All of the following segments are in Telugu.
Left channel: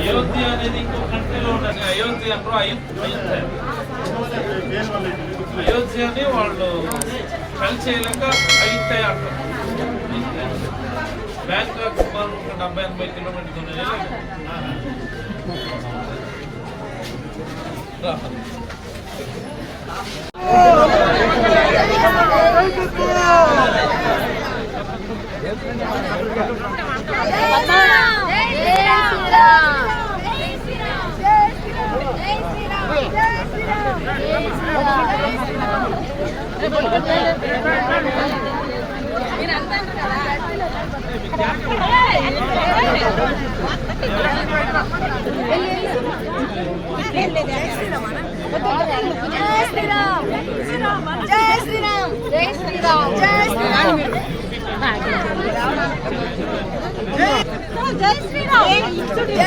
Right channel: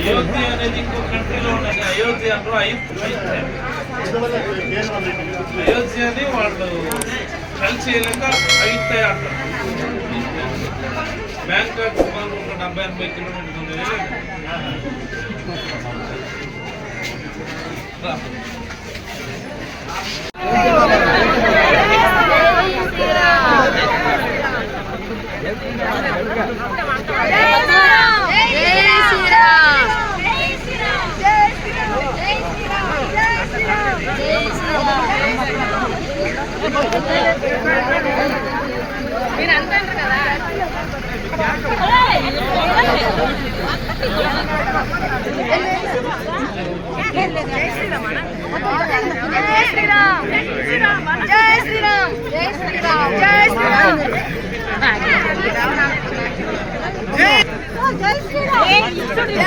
అయోధ్య అనేది ఇంకో కంట్రీలో ఉన్నది. అయోధ్య అంటారు అయోధ్య అయోధ్య అని వాళ్ళు ట్రై చేయలేక అయోధ్య అంటారు బ్యాంకాక్ సుమారు ఒక డెబ్బై ఎనభై కిలోమీటర్స్ ఉన్నాయి. జై శ్రీరామ్ జై శ్రీరామ్ జై శ్రీరామ్ జై శ్రీరామ్ జై శ్రీరామ్ మీరు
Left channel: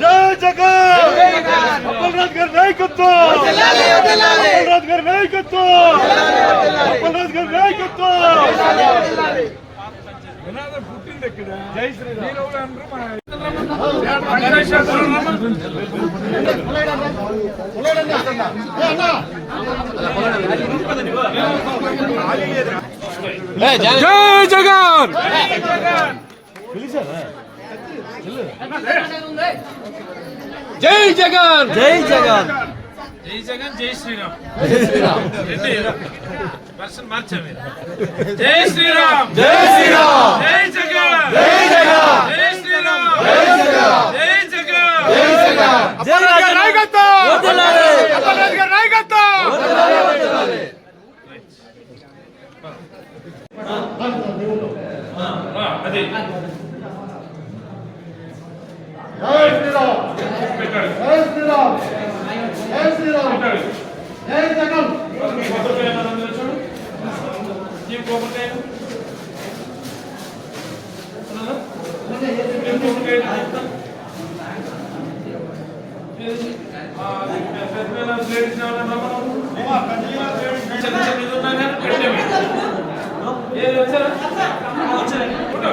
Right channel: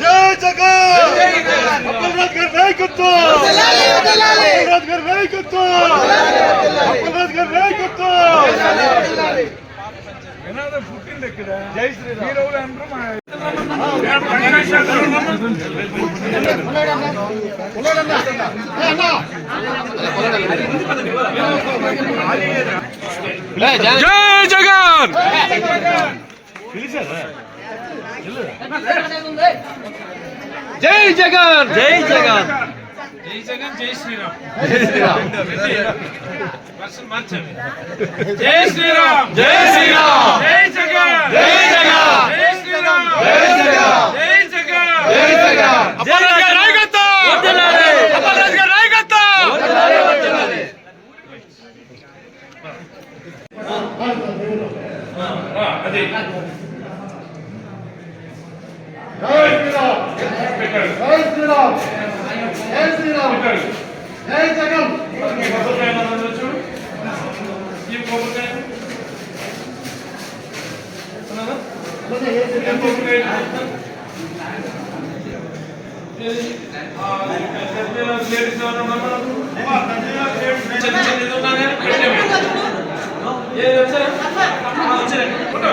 जय जगन कमल नहीं कुत्तो। कमल नहीं कुत्तो। నినాదం పుట్టింది ఇక్కడ. జై శ్రీరామ్. మీరు ఎవరు అంటారు జై జగన్! జై జగన్! జై జగన్! జై జగన్ జై శ్రీరామ్ మార్చాలి జై శ్రీరామ్ జై శ్రీరామ్ జై జగన్ జై జగన్ జై శ్రీరామ్ జై శ్రీరామ్ జై జగన్ అప్పలరాజ్ గారి నాయకత్వం అప్పలరాజ్ గారి నాయకత్వం రా, అది జై శ్రీరామ్ జై శ్రీరామ్ జై శ్రీరామ్. జై జగన్. లేడీస్ చిన్న చిన్న ఇది ఉన్నా కానీ పెట్టాము. ఏ వచ్చారా? వచ్చారా?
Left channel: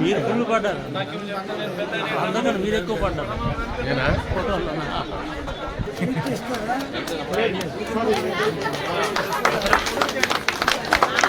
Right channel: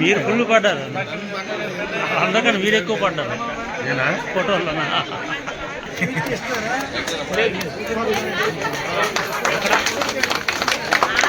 మీరు ఫుల్ పడ్డారు. అందుకని మీరు ఎక్కువ పడ్డారు. ఫోటో